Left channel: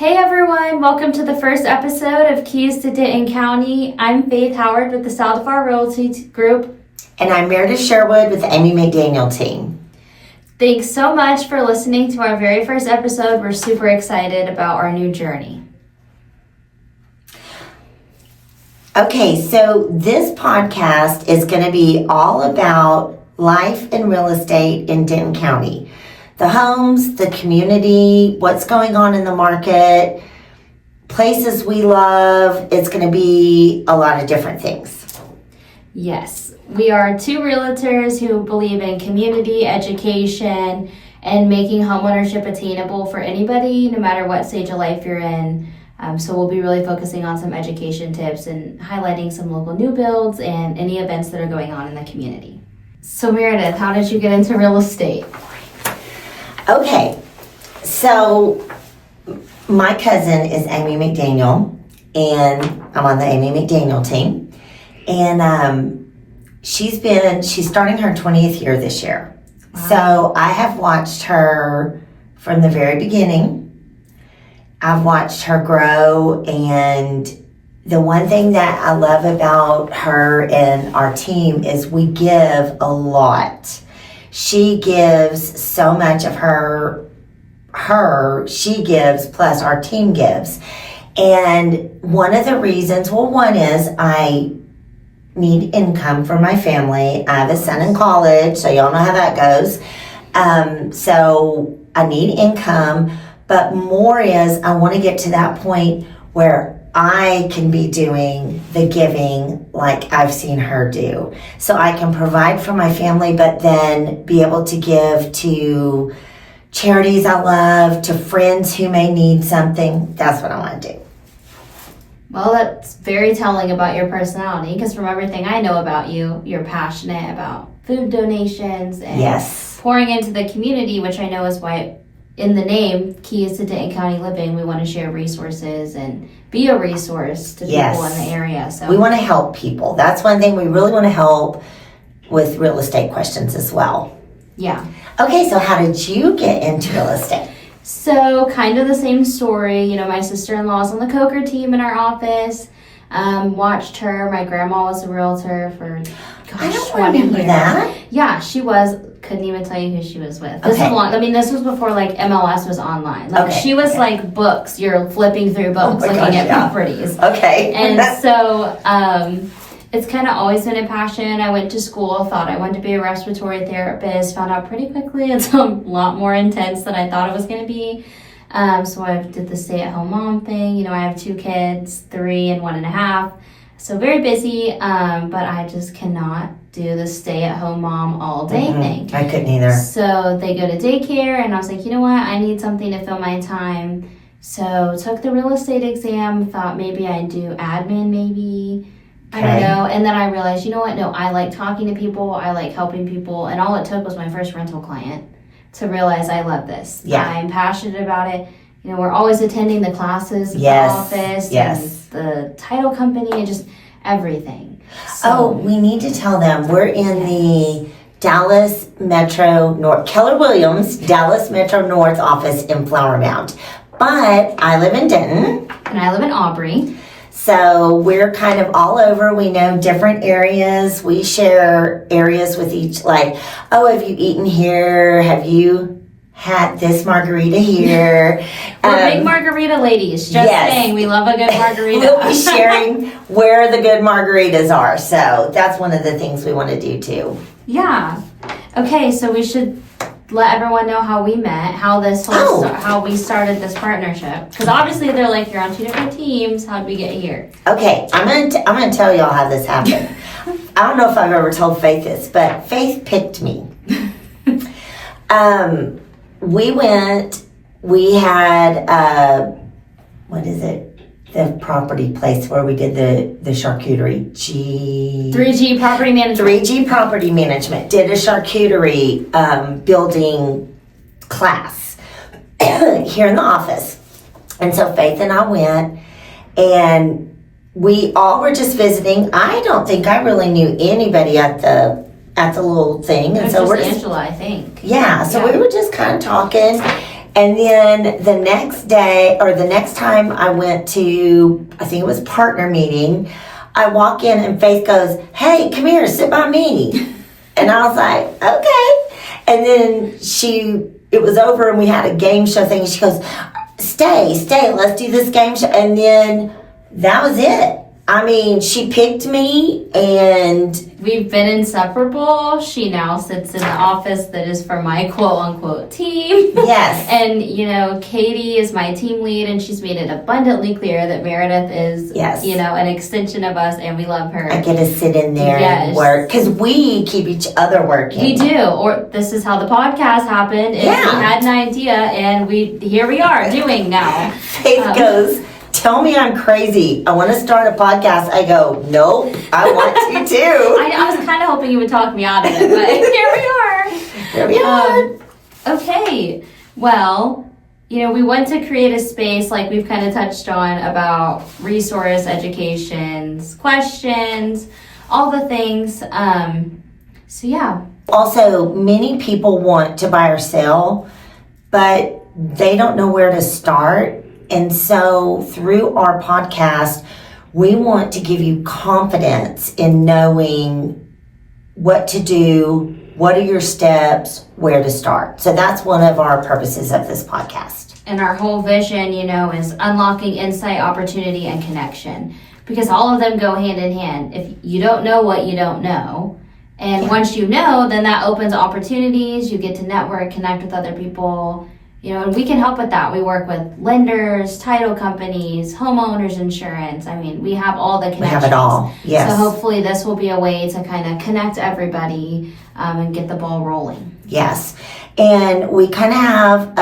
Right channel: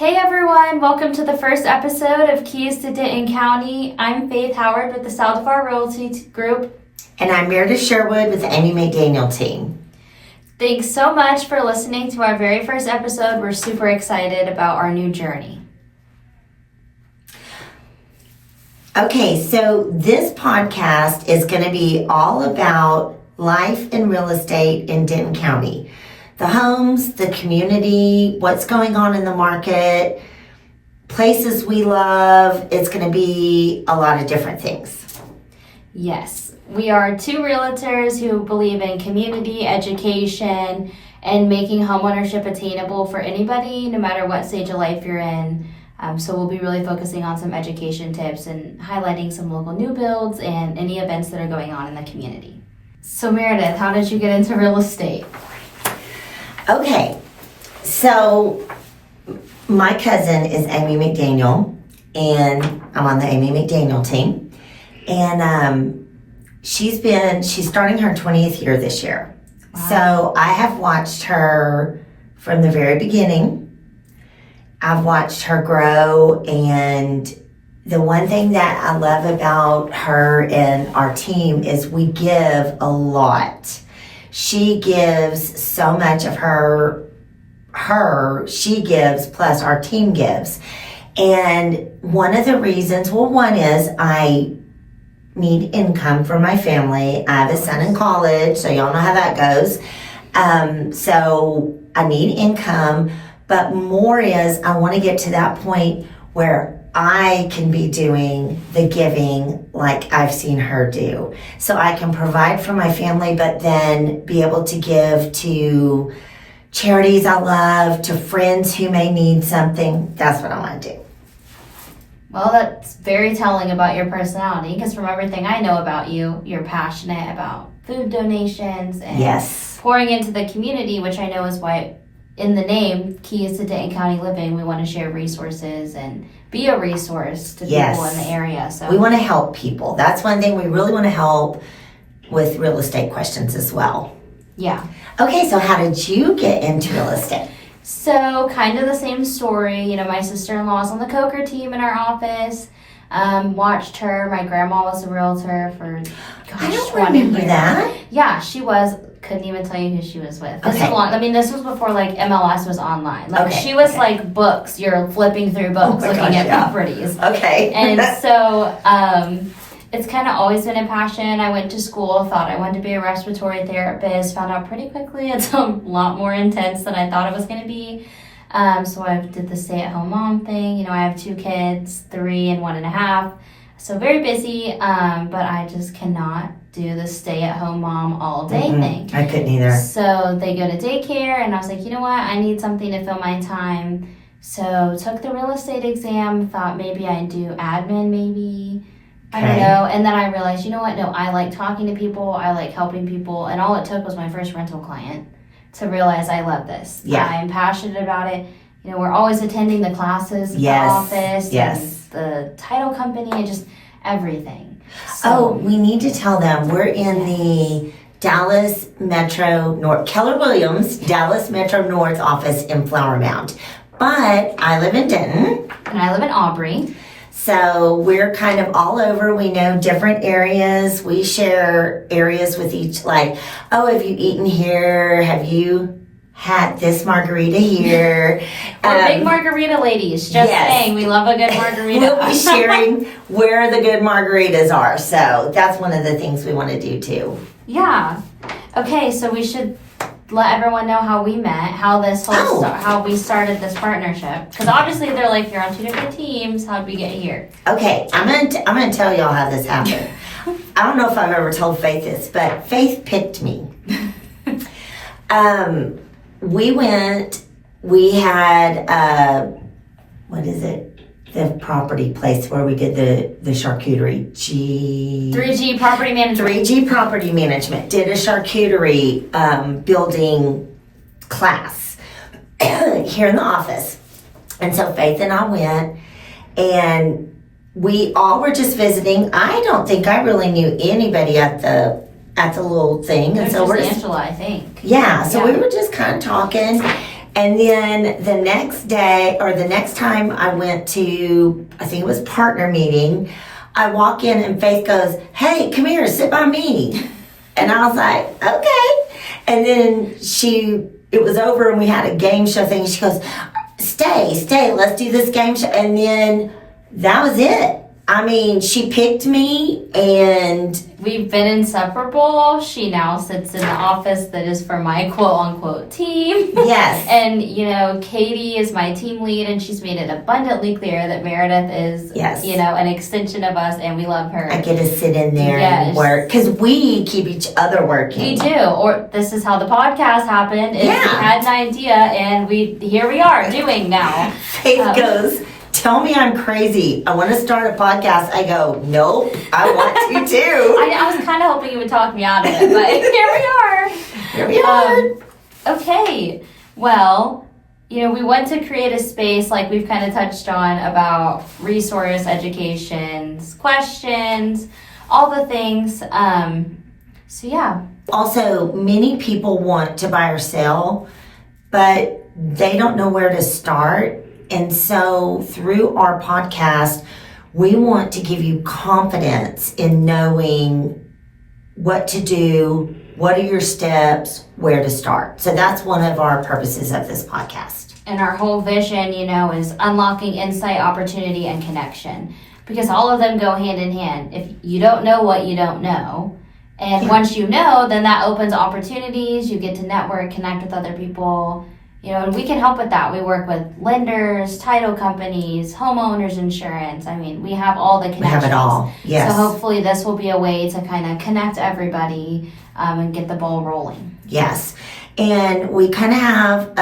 Hey everyone, welcome to the first episode of Keys to Denton County. I'm Faith Howard with the South of Our Realty Group. And I'm Meredith Sherwood with the Amy McDaniel team. Thanks so much for listening to our very first episode. We're super excited about our new journey. Okay, so this podcast is going to be all about life and real estate in Denton County. The homes, the community, what's going on in the market, places we love. It's going to be a lot of different things. Yes, we are two realtors who believe in community, education, and making homeownership attainable for anybody, no matter what stage of life you're in. So we'll be really focusing on some education tips and highlighting some local new builds and any events that are going on in the community. So Meredith, how did you get into real estate? Okay, so my cousin is Amy McDaniel, and I'm on the Amy McDaniel team. And she's starting her 20th year this year. Wow. So I have watched her from the very beginning. I've watched her grow, and the one thing that I love about her and our team is we give a lot. She gives so much of her she gives, plus our team gives. And one of the reasons, one is I need income for my family. I have a son in college, so y'all know how that goes. So I need income, but more is I want to get to that point where I can be doing the giving like I've seen her do. So I can provide for my family, but then be able to give to charities I love, to friends who may need something. That's what I want to do. Well, that's very telling about your personality, because from everything I know about you, you're passionate about food donations and yes, pouring into the community, which I know is why in the name, Keys to Denton County Living, we want to share resources and be a resource to people in the area. So we want to help people. That's one thing we really want to help with real estate questions as well. Yeah. Okay, so how did you get into real estate? So kind of the same story. You know, my sister-in-law's on the Coker team in our office. Watched her. My grandma was a realtor for, I don't remember that. Yeah, she was. Couldn't even tell you who she was with. This was before like MLS was online. Like she was like books. You're flipping through books looking at properties. Okay. And so it's kind of always been a passion. I went to school, thought I wanted to be a respiratory therapist, found out pretty quickly it's a lot more intense than I thought it was going to be. So I did the stay-at-home mom thing. You know, I have two kids, 3 and 1.5. So very busy, but I just cannot do the stay-at-home mom all day thing. I couldn't either. So they go to daycare, and I was like, you know what? I need something to fill my time. So took the real estate exam, thought maybe I'd do admin maybe. I don't know. And then I realized, you know what? No, I like talking to people. I like helping people. And all it took was my first rental client to realize I love this. Yeah. I'm passionate about it. You know, we're always attending the classes at the office and the title company and just everything. So, we need to tell them we're in the Dallas Metro North, Keller Williams, Dallas Metro North office in Flower Mound. But I live in Denton. And I live in Aubrey. So we're kind of all over. We know different areas. We share areas with each, like, oh, have you eaten here? Have you had this margarita here? We're big margarita ladies. Just saying, we love a good margarita. We'll be sharing where the good margaritas are. So that's one of the things we want to do too. Yeah. Okay, so we should let everyone know how we met, how this whole how we started this partnership. Because obviously they're like, you're on 2 different teams. How did we get here? Okay, I'm gonna tell y'all how this happened. I don't know if I've ever told Faith this, but Faith picked me. We had, what is it? The property place where we did the charcuterie. 3G Property Management. 3G Property Management. Did a charcuterie building class here in the office. And so Faith and I went, and we all were just visiting. I don't think I really knew anybody at the little thing. And so we're Angela, I think. Yeah, so we were just kind of talking. And then the next day, or the next time I went to, I think it was partner meeting, I walk in and Faith goes, "Hey, come here, sit by me." And I was like, "Okay." And then it was over and we had a game show thing. She goes, stay, let's do this game show. And then that was it. I mean, she picked me and we've been inseparable. She now sits in the office that is for my quote-unquote team. Yes. And, you know, Katie is my team lead, and she's made it abundantly clear that Meredith is, yes, you know, an extension of us, and we love her. I get to sit in there and work, because we keep each other working. We do. Or this is how the podcast happened. We had an idea, and here we are doing now. Faith goes, "Tell me I'm crazy. I want to start a podcast." I go, "Nope, I want to too." I was kind of hoping you would talk me out of it, but here we are. Here we are. Okay. Well, you know, we want to create a space like we've kind of touched on about resource, educations, questions, all the things. So yeah. Also, many people want to buy or sell, but they don't know where to start. And so through our podcast, we want to give you confidence in knowing what to do, what are your steps, where to start. So that's one of our purposes of this podcast. And our whole vision, you know, is unlocking insight, opportunity, and connection. Because all of them go hand in hand. If you don't know what you don't know, and once you know, then that opens opportunities. You get to network, connect with other people. You know, and we can help with that. We work with lenders, title companies, homeowners insurance. I mean, we have all the connections. We have it all, yes. So hopefully this will be a way to kind of connect everybody and get the ball rolling. Yes. And we kind of have,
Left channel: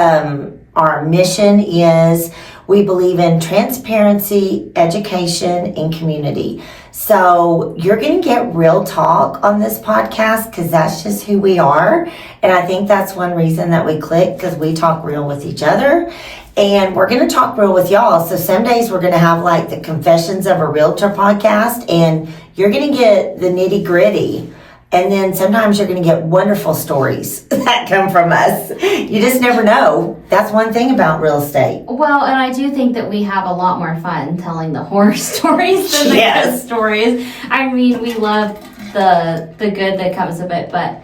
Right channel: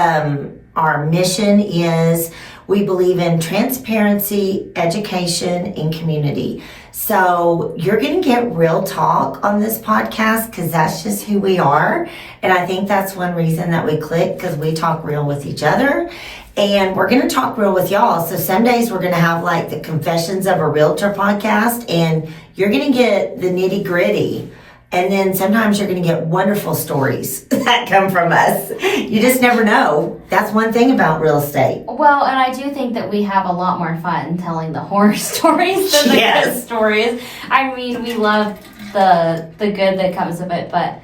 our mission is we believe in transparency, education, and community. So you're going to get real talk on this podcast because that's just who we are. And I think that's one reason that we click, because we talk real with each other. And we're going to talk real with y'all. So some days we're going to have like the Confessions of a Realtor podcast, and you're going to get the nitty gritty. And then sometimes you're going to get wonderful stories that come from us. You just never know. That's one thing about real estate. Well, and I do think that we have a lot more fun telling the horror stories than the good stories. I mean, we love the good that comes of it, but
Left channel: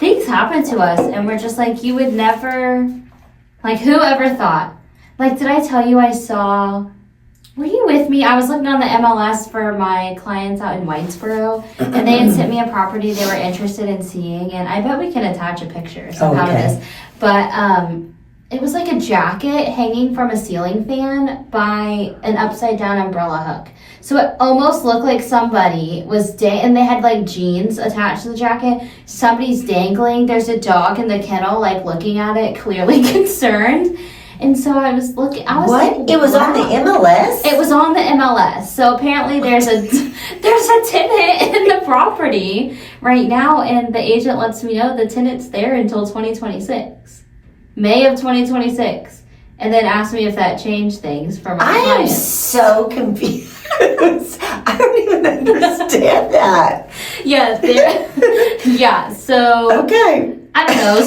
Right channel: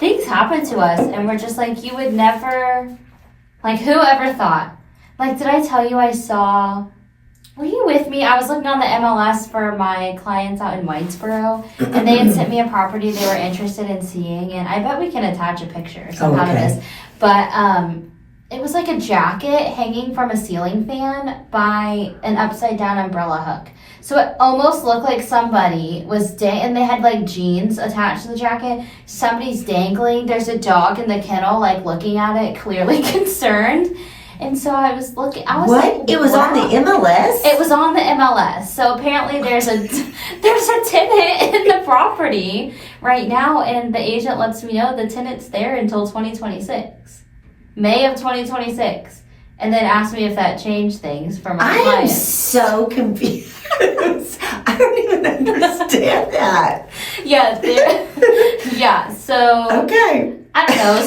things happen to us, and we're just like, you would never, like, whoever thought? Like, did I tell you I saw... Were you with me? I was looking on the MLS for my clients out in Whitesboro, and they had sent me a property they were interested in seeing, and I bet we can attach a picture somehow to this. But it was like a jacket hanging from a ceiling fan by an upside down umbrella hook. So it almost looked like somebody was and they had like jeans attached to the jacket. Somebody's dangling. There's a dog in the kennel, like looking at it, clearly concerned. And so I was looking. I was like, it was on the MLS? It was on the MLS. So apparently there's a tenant in the property right now, and the agent lets me know the tenant's there until 2026, May of 2026, and then asked me if that changed things for my client. I am so confused. I don't even understand that. Yeah. Yeah. So. Okay. I don't know.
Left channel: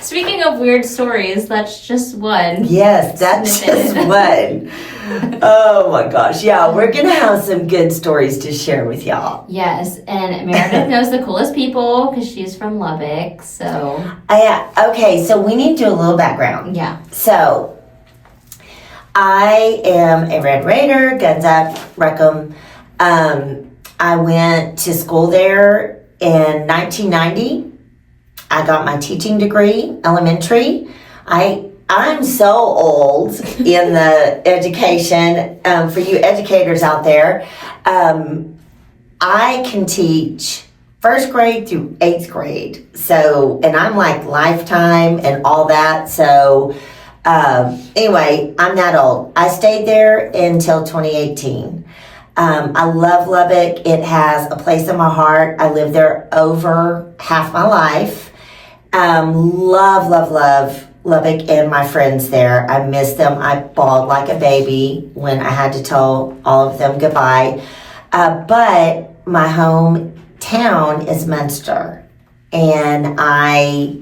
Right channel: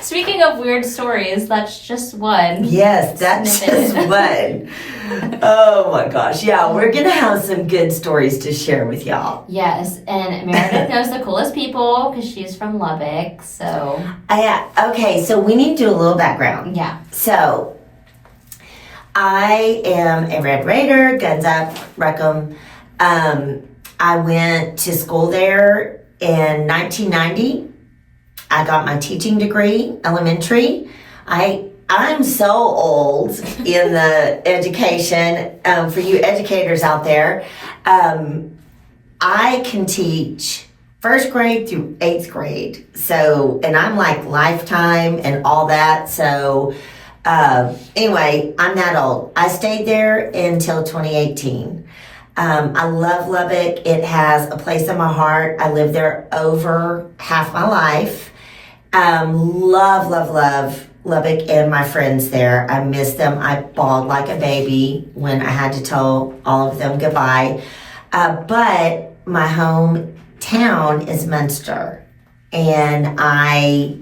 Speaking of weird stories, that's just one. Yes, that's just one. Oh my gosh. Yeah, we're going to have some good stories to share with y'all. Yes, and Meredith knows the coolest people because she's from Lubbock, so. Okay, so we need to do a little background. Yeah. So, I am a Red Raider, guns up, wreck 'em. I went to school there in 1990. I got my teaching degree, elementary. I'm so old in the education. For you educators out there, I can teach first grade through 8th grade. So, and I'm like lifetime and all that. So, anyway, I'm that old. I stayed there until 2018. I love Lubbock. It has a place in my heart. I lived there over half my life. Love Lubbock and my friends there. I miss them. I bawled like a baby when I had to tell all of them goodbye. But my hometown is Munster. And I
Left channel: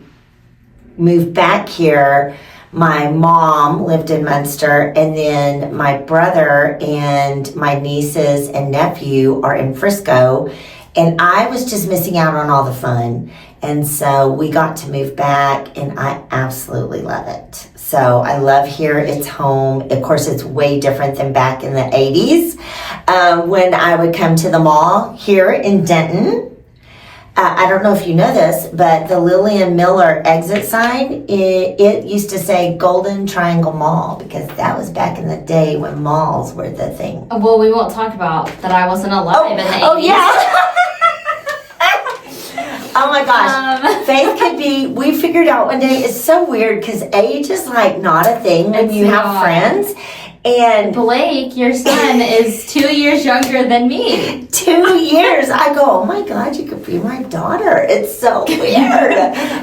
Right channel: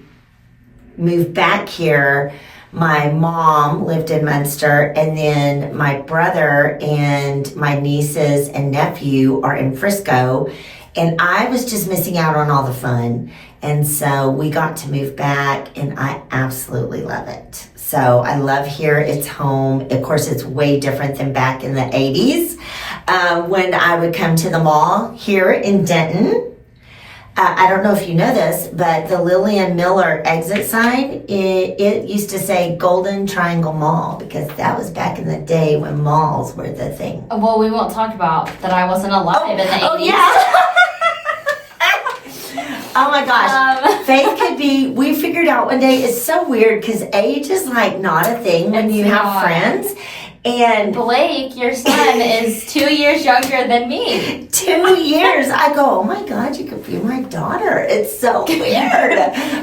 moved back here, my mom lived in Munster, and then my brother and my nieces and nephew are in Frisco, and I was just missing out on all the fun. And so we got to move back, and I absolutely love it. So I love here. It's home. Of course, it's way different than back in the 80s when I would come to the mall here in Denton. I don't know if you know this, but the Lillian Miller exit sign, it used to say Golden Triangle Mall because that was back in the day when malls were the thing. Well, we won't talk about that I wasn't alive in the 80s. Oh, yeah. Oh my gosh. Faith could be, we figured out one day, it's so weird because age is like not a thing when you have friends. And Blake, your son, is 2 years younger than me. 2 years. I go, oh my God, you could be my daughter. It's so weird.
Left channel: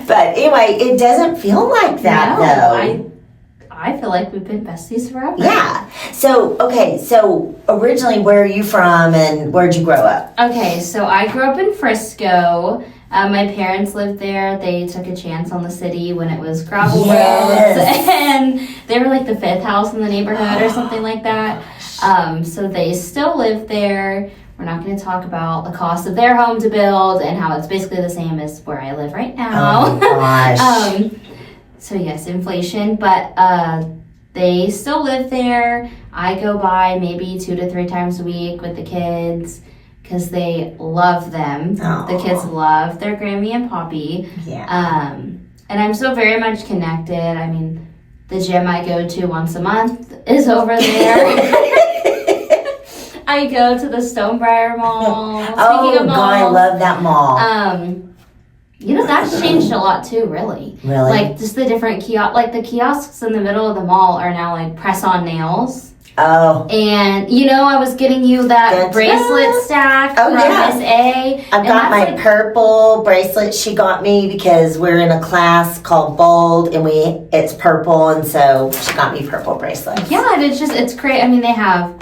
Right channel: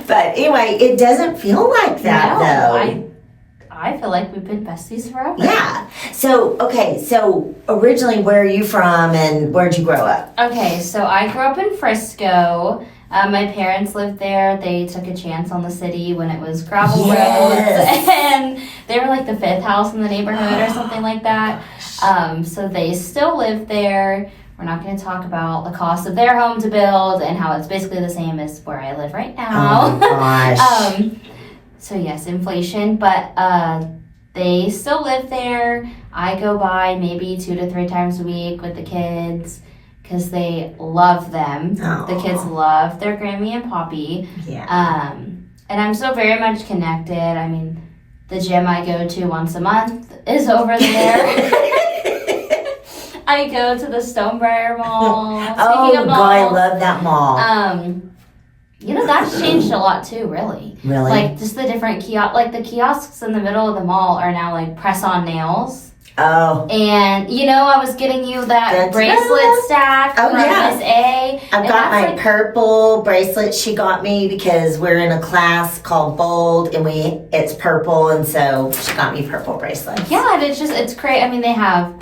But anyway, it doesn't feel like that though. I feel like we've been besties forever. Yeah. So, okay, so originally where are you from and where'd you grow up? Okay, so I grew up in Frisco. My parents lived there. They took a chance on the city when it was gravel roads, and they were like the fifth house in the neighborhood or something like that. So they still live there. We're not going to talk about the cost of their home to build and how it's basically the same as where I live right now. Oh my gosh. So yes, inflation, but they still live there. I go by maybe 2 to 3 times a week with the kids, because they love them. Aww. The kids love their Grammy and Poppy. Yeah. And I'm so very much connected. I mean, the gym I go to once a month is over there. I go to the Stonebriar Mall. Oh, of God, I malls, love that mall. That's changed a lot too, really. Really? Like, just the different the kiosks in the middle of the mall are now like press-on nails. Oh. And, I was getting you that bracelet stack from Miss A. I've got my purple bracelet she got me because we're in a class called Bold and it's purple, and so she got me purple bracelets. Yeah, and it's great. I mean, they have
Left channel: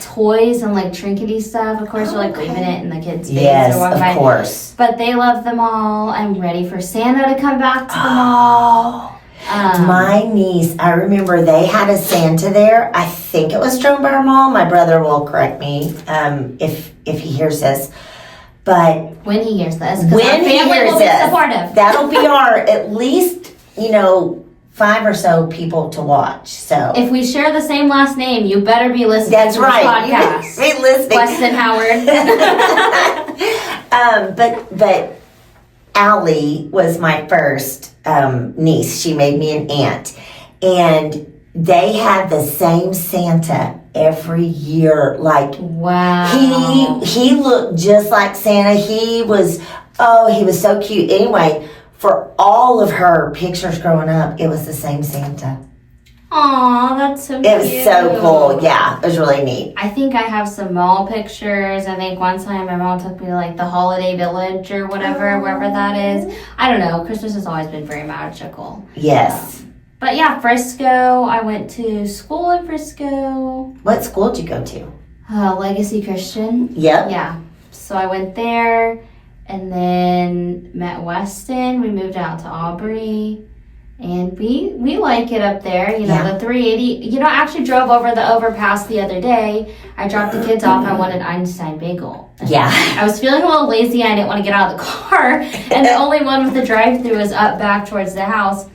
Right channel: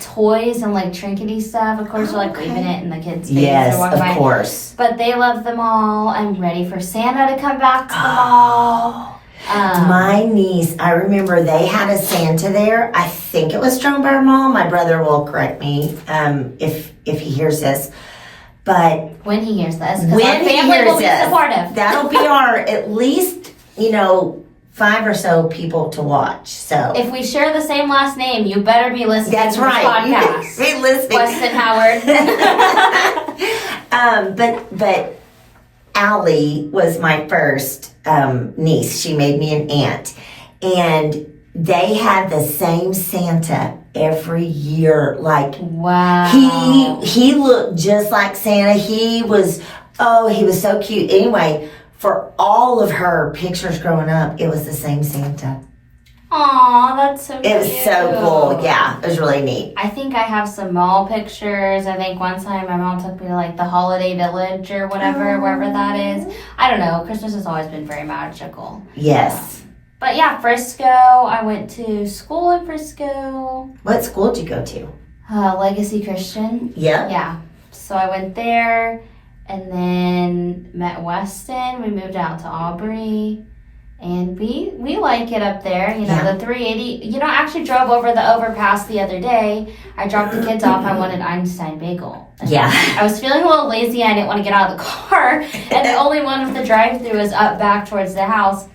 toys and like trinkety stuff. Of course, you're like waving it in the kids' face. Yes, of course. But they love them all. I'm ready for Santa to come back to the mall. My niece, I remember they had a Santa there. I think it was Stonebriar Mall. My brother will correct me if he hears this. But when he hears this, because our family will be supportive. That'll be our at least 5 or so people to watch. So if we share the same last name, you better be listening. That's to right. This podcast. Be listening, Weston Howard. But Allie was my first niece. She made me an aunt. And they had the same Santa every year. Like, wow. He looked just like Santa. He was so cute. Anyway, for all of her pictures growing up, it was the same Santa. Aw, that's so cute. It was so cool. Yeah, it was really neat. I think I have some mall pictures. I think one time my mom took me to like the Holiday Village or whatever, wherever that is. I don't know. Christmas has always been very magical. Yes. But yeah, Frisco. I went to school in Frisco. What school did you go to? Legacy Christian. Yep. Yeah. So I went there and then met Weston. We moved out to Aubrey. And we like it up there, the 380. I actually drove over the overpass the other day. I dropped the kids off. I wanted Einstein Bagel. Yeah. I was feeling a little lazy. I didn't want to get out of the car. And the only one with the drive-thru was up back towards the house.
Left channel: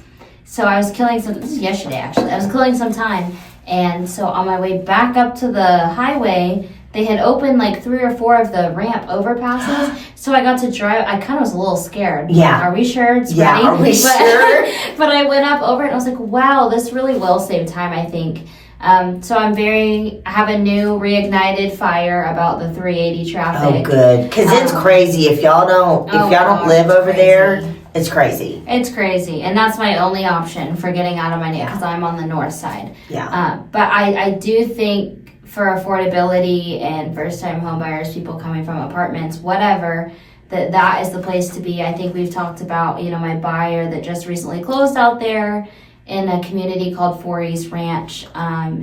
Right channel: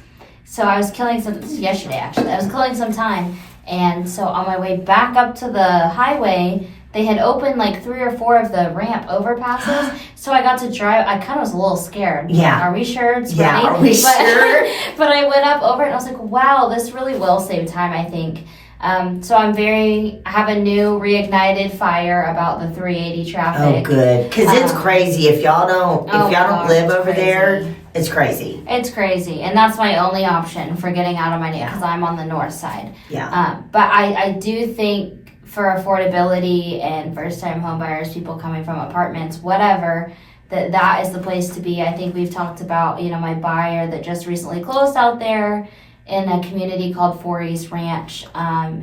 So I was killing this was yesterday, actually. I was killing some time. And so on my way back up to the highway, they had opened like 3 or 4 of the ramp overpasses. So I got to drive. I kind of was a little scared. Yeah. Are we sure it's ready? Yeah, are we sure? But I went up over it and I was like, wow, this really will save time, I think. So I have a new reignited fire about the 380 traffic. Oh, good. Because it's crazy. If y'all don't live over there, it's crazy. It's crazy. And that's my only option for getting out of my neighborhood because I'm on the north side. Yeah. But I do think for affordability and first-time home buyers, people coming from apartments, whatever, that is the place to be. I think we've talked about, my buyer that just recently closed out there in a community called 4 East Ranch.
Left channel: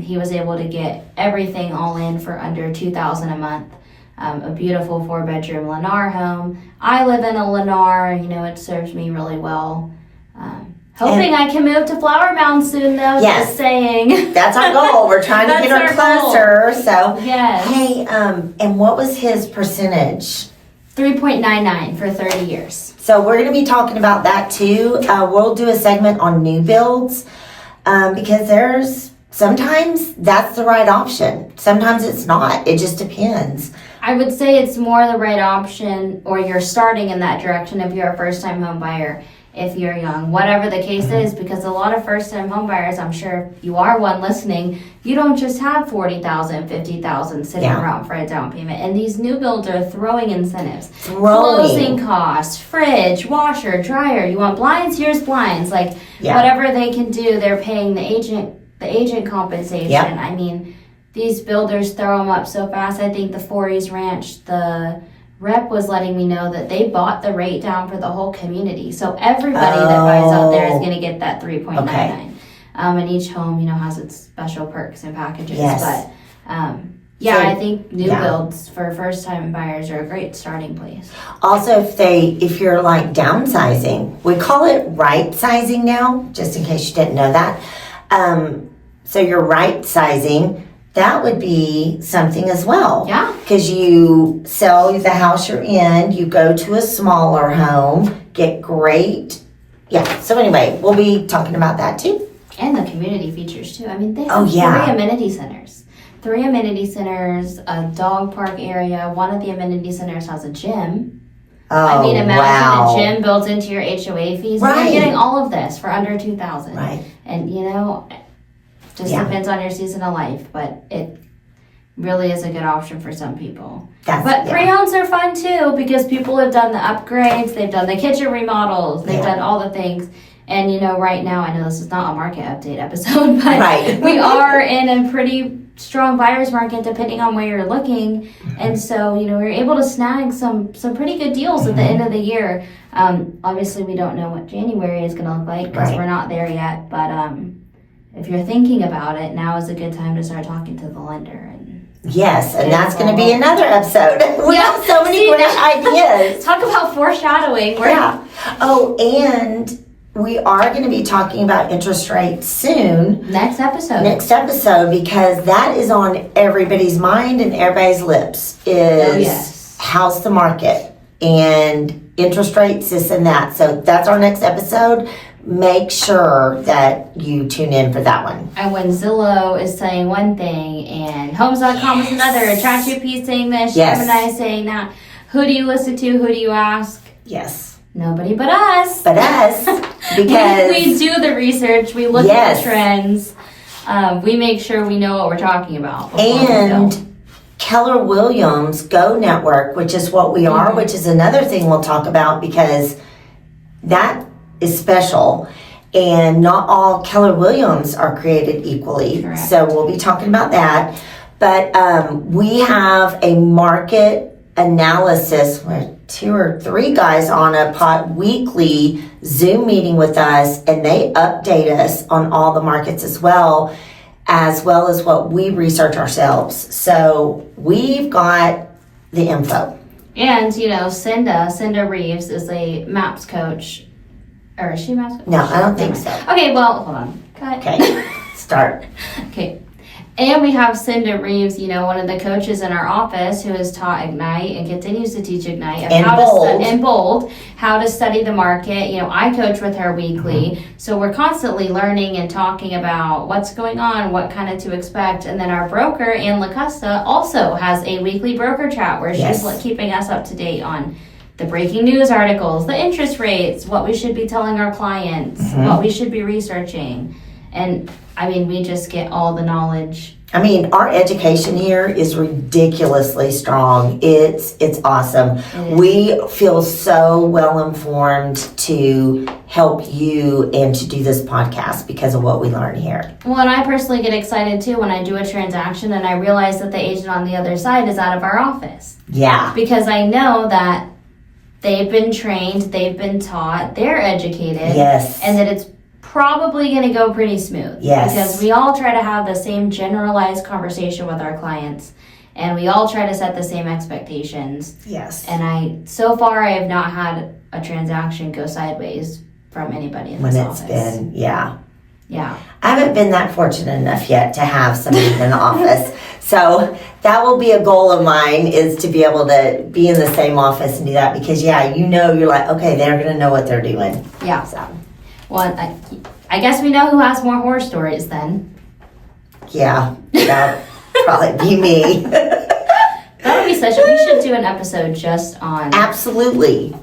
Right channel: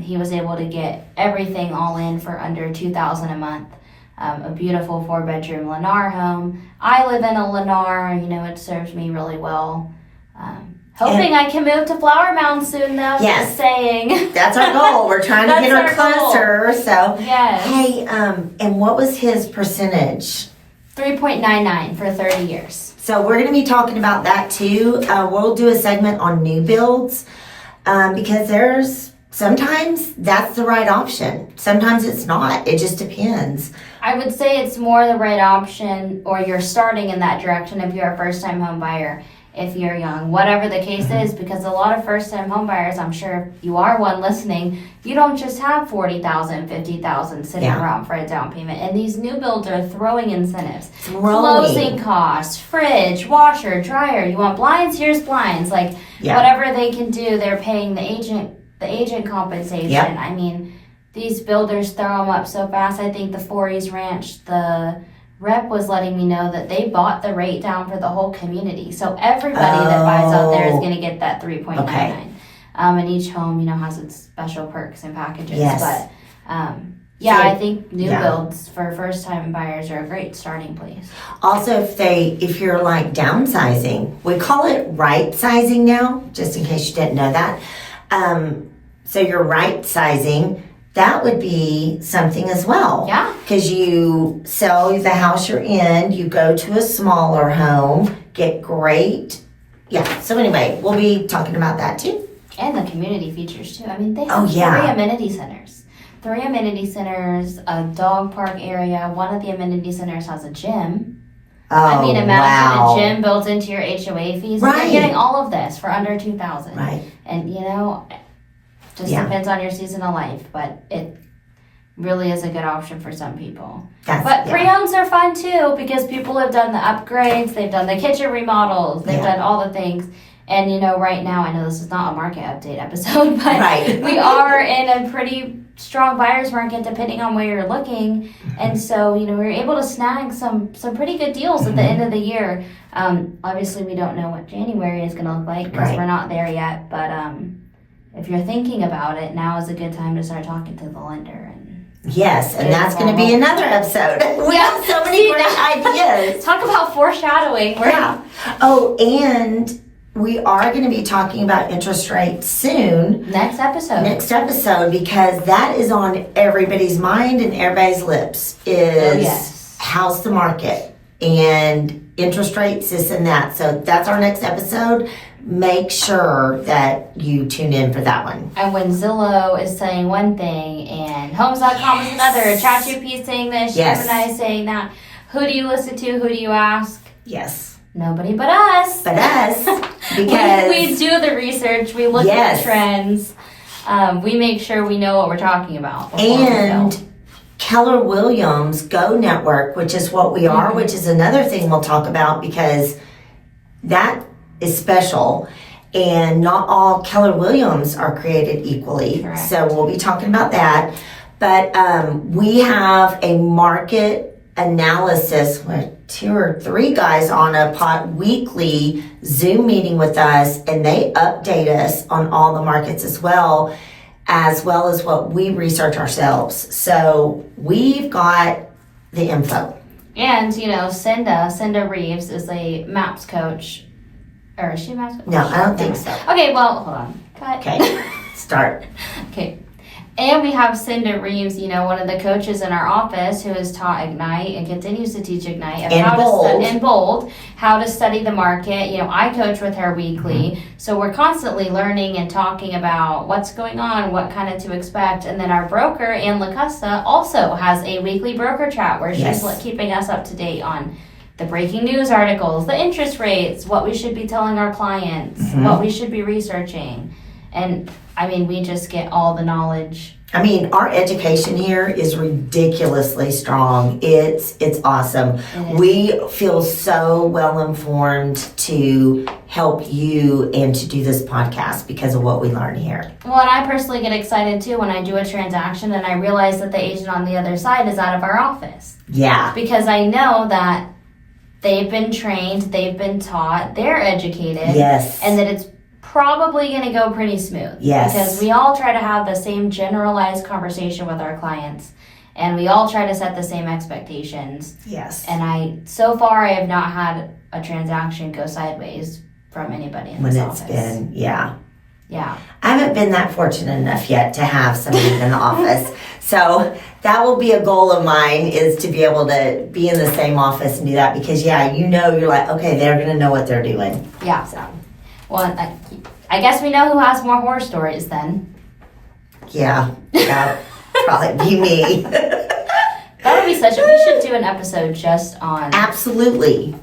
He was able to get everything all in for under $2,000 a month. A beautiful 4-bedroom Lennar home. I live in a Lennar, it serves me really well. Hoping I can move to Flower Mound soon, though. Yes. Just saying. That's our goal. We're trying to get her That's our goal. closer. So, Yes. hey, and what was his percentage? 3.99 for 30 years. So we're going to be talking about that too. We'll do a segment on new builds because sometimes that's the right option. Sometimes it's not. It just depends. I would say it's more the right option, or you're starting in that direction if you're a first-time home buyer, if you're young, whatever the case is, because a lot of first-time home buyers, I'm sure if you are one listening, you don't just have $40,000, $50,000 sitting around for a down payment. And these new builds are throwing incentives. Closing costs, fridge, washer, dryer. You want blinds? Here's blinds. Whatever they can do, they're paying the agent compensation. Yep. I mean, these builders throw them up so fast. I think the Forties Ranch, the rep was letting me know that they bought the rate down for the whole community. So everybody that buys out there is going to get that 3.99. Okay. And each home, has its special perks and packages. Yes. But I think new builds for first-time buyers are a great starting place. Also, if you're like downsizing, we call it right sizing now, just in case you didn't know that. So you're right sizing. That would be something as well. Yeah. Because you sell the house you're in, you go to a smaller home, get great. Yeah. So anyway, we'll be talking about that too. And the community features too. I mean, they have 3 amenity centers. 3 amenity centers, a dog park area. One of the amenity centers has a gym. Oh, imagine a gym built into your HOA fees. Right. And you're getting all of this for under $2,000. Right. And just depends on your season of life, but it really is a good option for some people. But pre-owns are fun too, because people have done the upgrades, they've done the kitchen remodels, they've done all the things. And right now, I know this is not a market update episode, but we are in a pretty strong buyer's market depending on where you're looking. And so, we're able to snag some pretty good deals at the end of the year. Obviously, we don't know what January is going to look like because we're not there yet, but if you're thinking about it, now is a good time to start talking to the lender. Yes, and that's going to be another episode. We have so many great ideas. Talk about foreshadowing. Oh, and we are going to be talking about interest rates soon. Next episode, because that is on everybody's mind and everybody's lips is how's the market and interest rates, this and that. So that's our next episode. Make sure that you tune in for that one. And when Zillow is saying one thing and Homes.com is another, ChatGPT is saying this, Gemini is saying that, who do you listen to? Who do you ask? Yes. Nobody but us. Because we do the research. We look at the trends. We make sure we know what we're talking about. And Keller Williams Go Network, which is what we are, which is another thing we'll talk about because that is special. And not all Keller Williams are created equally. Correct. So we'll be talking about that. But we have a market analysis where 2 or 3 guys on a weekly Zoom meeting with us, and they update us on all the markets as well as what we research ourselves. So we've got the info. And, Cinda Reeves is a MAPS coach. Or is she a MAPS coach? No, I don't think so. Okay, well, hold on. Cut. Okay, start. Okay. And we have Cinda Reeves, one of the coaches in our office who has taught Ignite and continues to teach Ignite how to study the market. I coach with her weekly, so we're constantly learning and talking about what's going on, what kind of to expect. And then our broker, Ann LaCosta, also has a weekly broker chat where she's keeping us up to date on the breaking news articles, the interest rates, what we should be telling our clients, what we should be researching. And we just get all the knowledge. Our education here is ridiculously strong. It's awesome. We feel so well informed to help you and to do this podcast because of what we learn here. Well, and I personally get excited too when I do a transaction and I realize that the agent on the other side is out of our office. Yeah. Because I know that they've been trained, they've been taught, they're educated. Yes. And that it's probably going to go pretty smooth. Yes. Because we all try to have the same generalized conversation with our clients, and we all try to set the same expectations. Yes. And so far I have not had a transaction go sideways from anybody in when this it's office. been, yeah. Yeah. I haven't been that fortunate enough yet to have somebody in the office. So that will be a goal of mine, is to be able to be in the same office and do that, because yeah, you're like, okay, they're going to know what they're doing. Yeah. So, well, I guess we know who has more horror stories then. Yeah, that'll probably be me. That would be we should do an episode just on. Absolutely.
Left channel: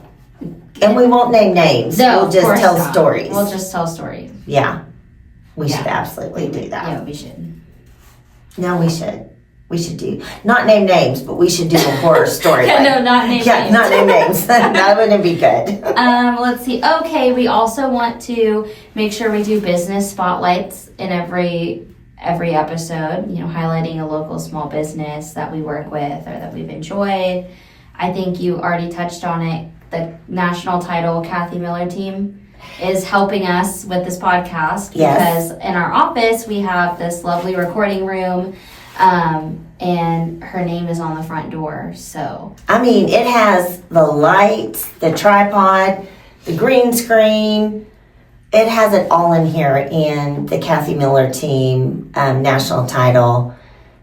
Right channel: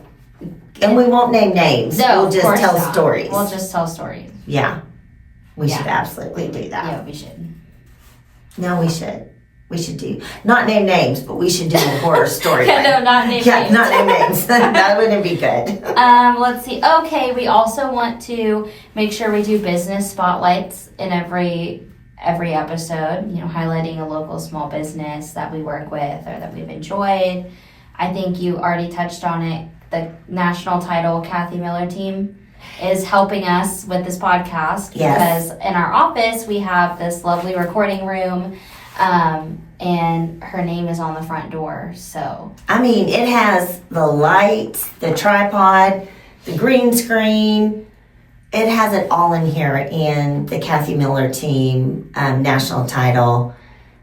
And we won't name names. No, we'll of just course tell not. stories. We'll just tell stories. Yeah. We Yeah. should absolutely do that. Yeah, we should. No, we should. We should do, not name names, but we should do a horror story. No, not name Yeah, names. not name names. That wouldn't be good. Let's see. Okay, we also want to make sure we do business spotlights in every episode, highlighting a local small business that we work with or that we've enjoyed. I think you already touched on it. The national title Kathy Miller team is helping us with this podcast because in our office we have this lovely recording room, and her name is on the front door. So I mean, it has the lights, the tripod, the green screen. It has it all in here, and the Kathy Miller team, national title,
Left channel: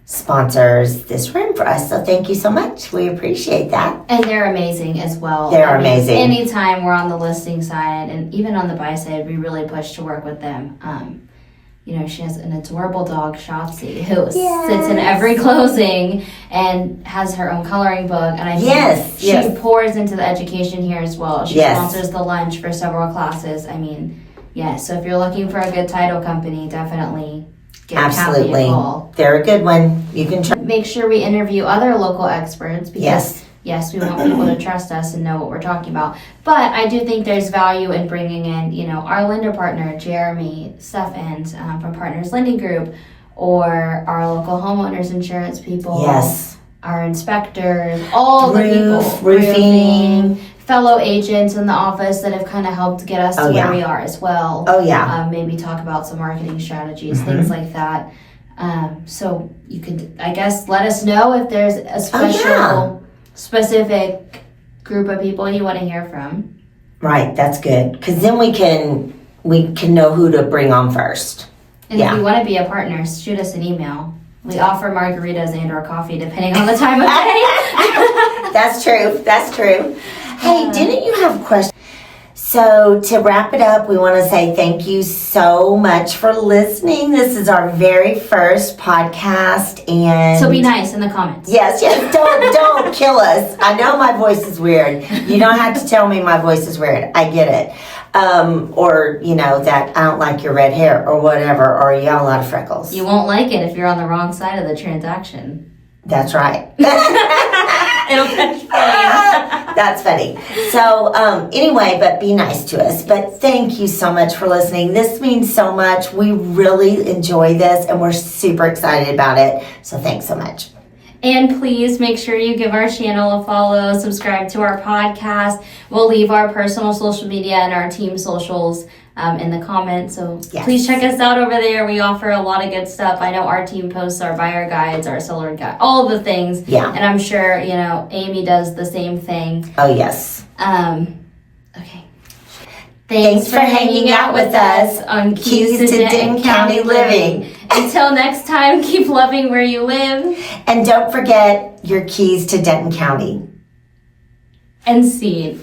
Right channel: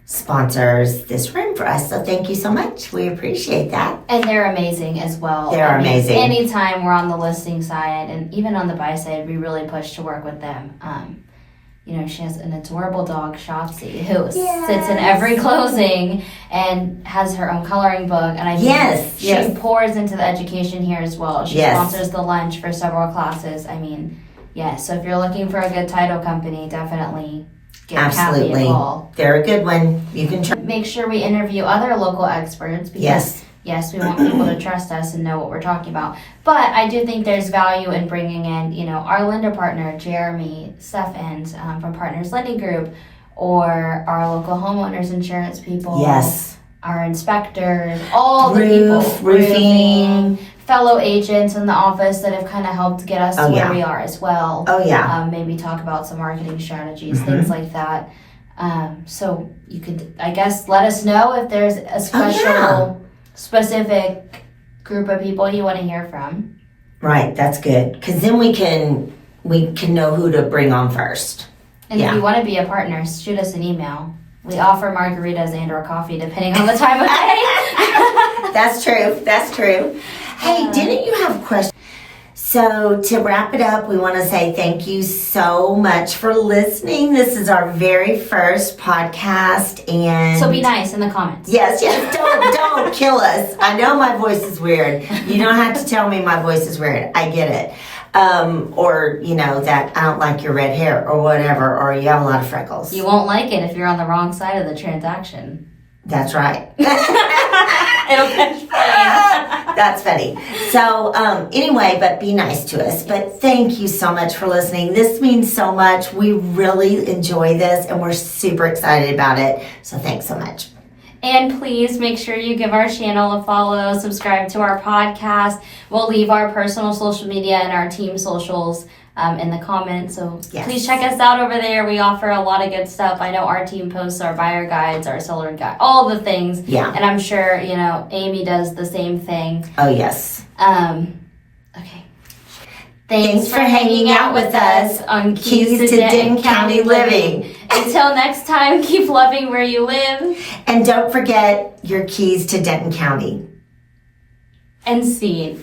sponsors this room for us. So thank you so much. We appreciate that. And they're amazing as well. They're amazing. Anytime we're on the listing side and even on the buy side, we really push to work with them. She has an adorable dog, Shopsy, who sits in every closing and has her own coloring book. And I think she pours into the education here as well. She sponsors the lunch for several classes. I mean, so if you're looking for a good title company, definitely give Kathy a call. They're a good one. You can try. Make sure we interview other local experts because we want people to trust us and know what we're talking about. But I do think there's value in bringing in, our lender partner, Jeremy Steffens from Partners Lending Group, or our local homeowners insurance people, our inspectors, all the people, roofing, fellow agents in the office that have kind of helped get us to where we are as well. Maybe talk about some marketing strategies, things like that. So you could, I guess, let us know if there's a specific group of people you want to hear from. Right, that's good, because then we can know who to bring on first. And if you want to be a partner, shoot us an email. We offer margaritas and/or coffee depending on the time of day. That's true. Hey, didn't you have questions? So to wrap it up, we want to say thank you so much for listening. This is our very first podcast, and so be nice in the comments. Yes. Don't kill us. I know my voice is weird. You don't have to tell me my voice is weird. I get it. Or that I don't like your red hair or whatever, or you have a lot of freckles. You won't like it if you're on the wrong side of the transaction. That's right. It'll catch fire. That's funny. So anyway, but be nice to us. But thank you so much for listening. This means so much. We really enjoy this, and we're super excited about it. So thanks so much. And please make sure you give our channel a follow, subscribe to our podcast. We'll leave our personal social media and our team socials in the comments. So please check us out over there. We offer a lot of good stuff. I know our team posts our buyer guides, our seller guide, all the things. Yeah. And I'm sure, Amy does the same thing. Oh, yes. Okay. Thanks for hanging out with us on Keys to Denton County Living. Until next time, keep loving where you live. And don't forget your keys to Denton County. And seed.